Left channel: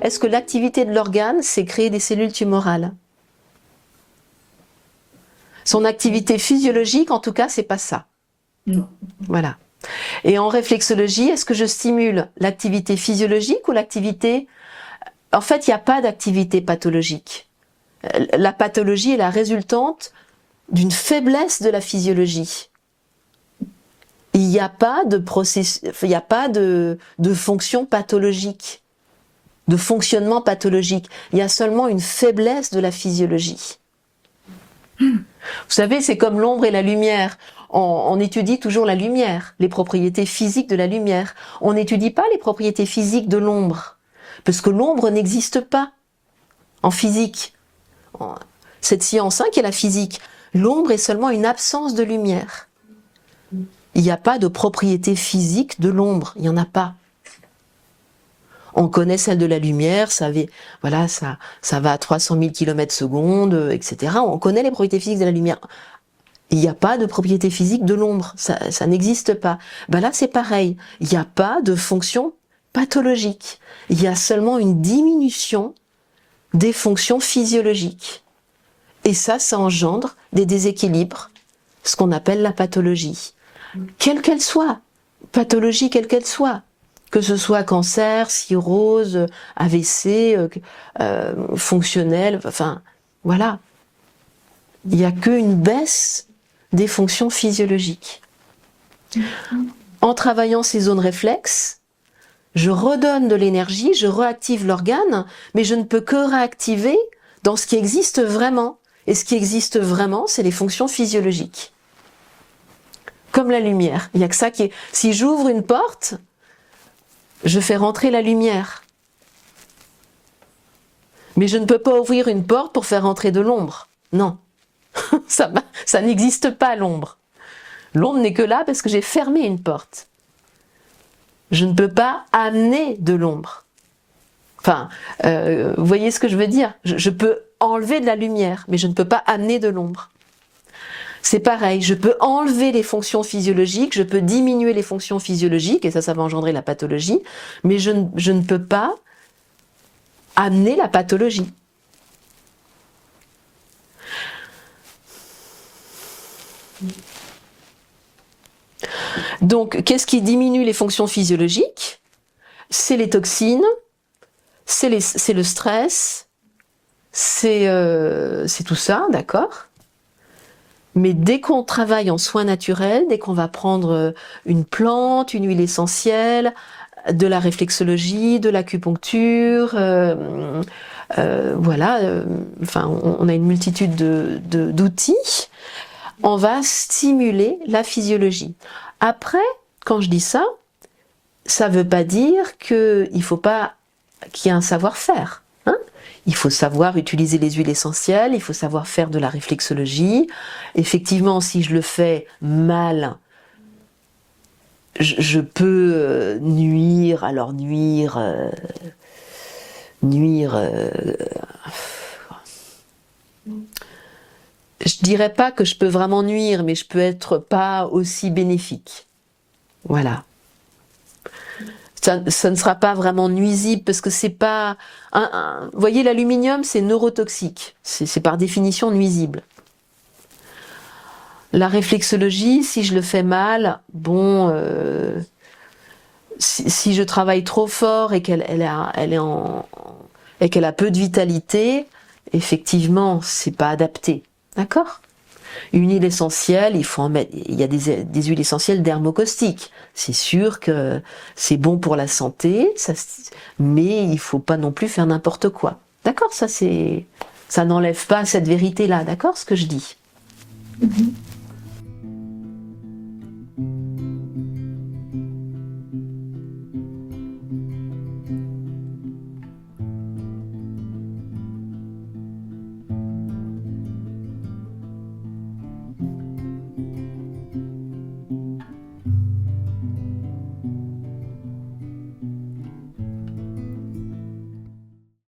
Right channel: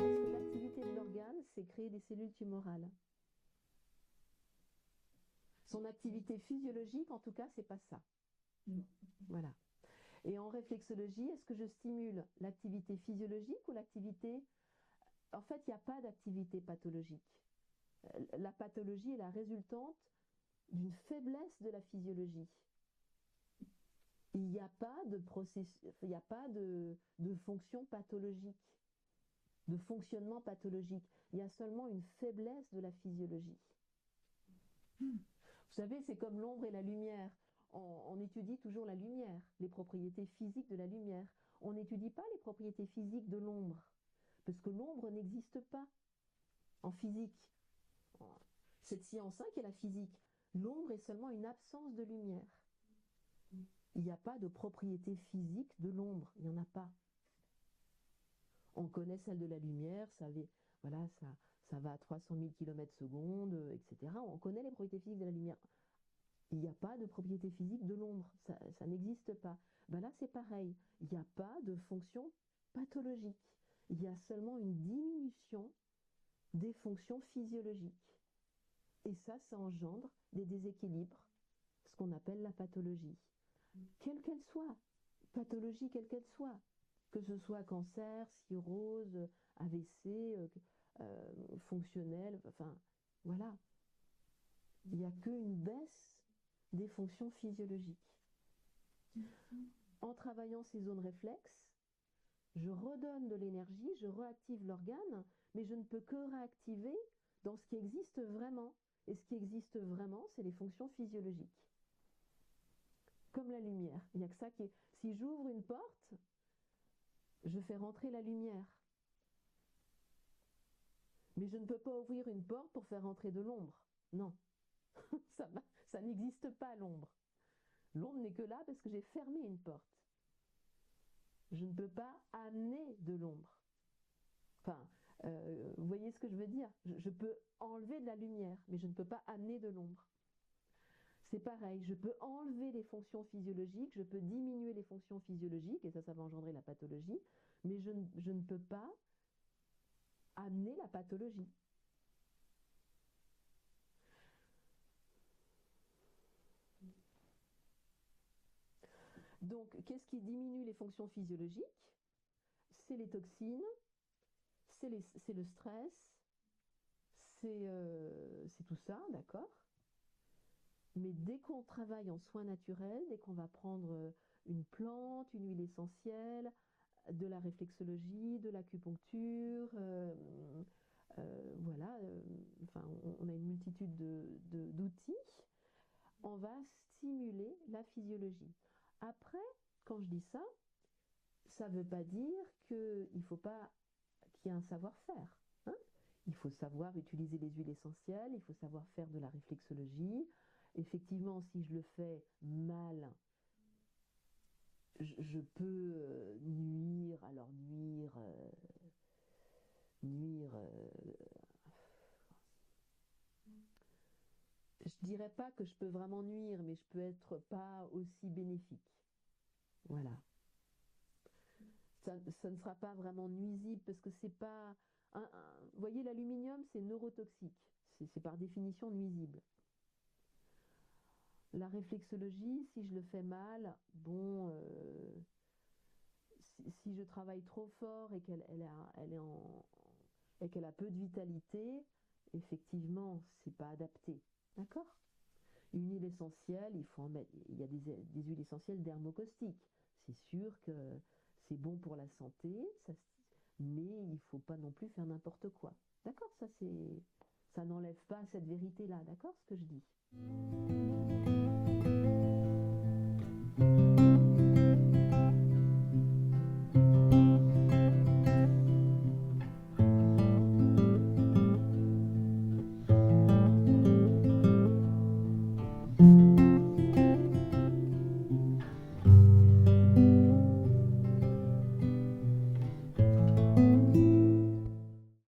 est-ce que l'activité de l'organe, c'est créer des cellules tumorales? Son activité physiologique, en tout cas, c'est pas ça. Non. Voilà. Et en réflexologie, est-ce que je stimule l'activité physiologique ou l'activité... En fait, il n'y a pas d'activité pathologique. La pathologie est la résultante d'une faiblesse de la physiologie. Il n'y a pas de processus, il n'y a pas de fonction pathologique, de fonctionnement pathologique. Il y a seulement une faiblesse de la physiologie. Vous savez, c'est comme l'ombre et la lumière. On étudie toujours la lumière, les propriétés physiques de la lumière. On n'étudie pas les propriétés physiques de l'ombre, parce que l'ombre n'existe pas en physique. Cette science qui est la physique, l'ombre est seulement une absence de lumière. Il n'y a pas de propriété physique de l'ombre, il n'y en a pas. On connaît celle de la lumière, voilà, ça va à 300 000 km/s, etc. On connaît les propriétés physiques de la lumière. Il n'y a pas de propriété physique de l'ombre, ça n'existe pas. Ben là, c'est pareil, il n'y a pas de fonction pathologique. Il y a seulement une diminution des fonctions physiologiques. Et ça engendre des déséquilibres, ce qu'on appelle la pathologie. Quelle qu'elle soit, pathologie quelle qu'elle soit, que ce soit cancer, cirrhose, AVC, fonctionnel, enfin, voilà. Il n'y a qu'une baisse des fonctions physiologiques. En travaillant ces zones réflexes, je redonne de l'énergie, je réactive l'organe, mais je ne peux que réactiver dans ce qui existe vraiment. Et ce qui existe vraiment, c'est les fonctions physiologiques. Comme la lumière. Il n'y a que ça qui est... Si j'ouvre une porte, je fais rentrer la lumière. Mais je ne peux pas ouvrir une porte pour faire rentrer de l'ombre. Non. Ça n'existe pas, l'ombre. L'ombre n'est que là parce que j'ai fermé une porte. Je ne peux pas amener de l'ombre. Enfin, vous voyez ce que je veux dire? Je peux enlever de la lumière, mais je ne peux pas amener de l'ombre. C'est pareil, je peux enlever les fonctions physiologiques, je peux diminuer les fonctions physiologiques, et ça va engendrer la pathologie, mais je ne peux pas amener la pathologie. Donc, qu'est-ce qui diminue les fonctions physiologiques? C'est les toxines, c'est le stress, c'est tout ça, d'accord? Mais dès qu'on travaille en soins naturels, dès qu'on va prendre une plante, une huile essentielle, de la réflexologie, de l'acupuncture, voilà, enfin, on a une multitude d'outils, on va stimuler la physiologie. Après, quand je dis ça, ça ne veut pas dire qu'il ne faut pas qu'il y ait un savoir-faire. Hein? Il faut savoir utiliser les huiles essentielles, il faut savoir faire de la réflexologie. Effectivement, si je le fais mal, je peux nuire, alors nuire... je dirais pas que je peux vraiment nuire, mais je peux être pas aussi bénéfique. Voilà. Ça ne sera pas vraiment nuisible parce que c'est pas... vous voyez, l'aluminium, c'est neurotoxique. C'est par définition nuisible. La réflexologie, si je le fais mal, bon... si je travaille trop fort et qu'elle a peu de vitalité, effectivement, c'est pas adapté. D'accord? Une huile essentielle, il faut en mettre. Il y a des huiles essentielles dermocaustiques. C'est sûr que c'est bon pour la santé, mais il ne faut pas non plus faire n'importe quoi. D'accord? Ça n'enlève pas cette vérité-là. D'accord? Ce que je dis.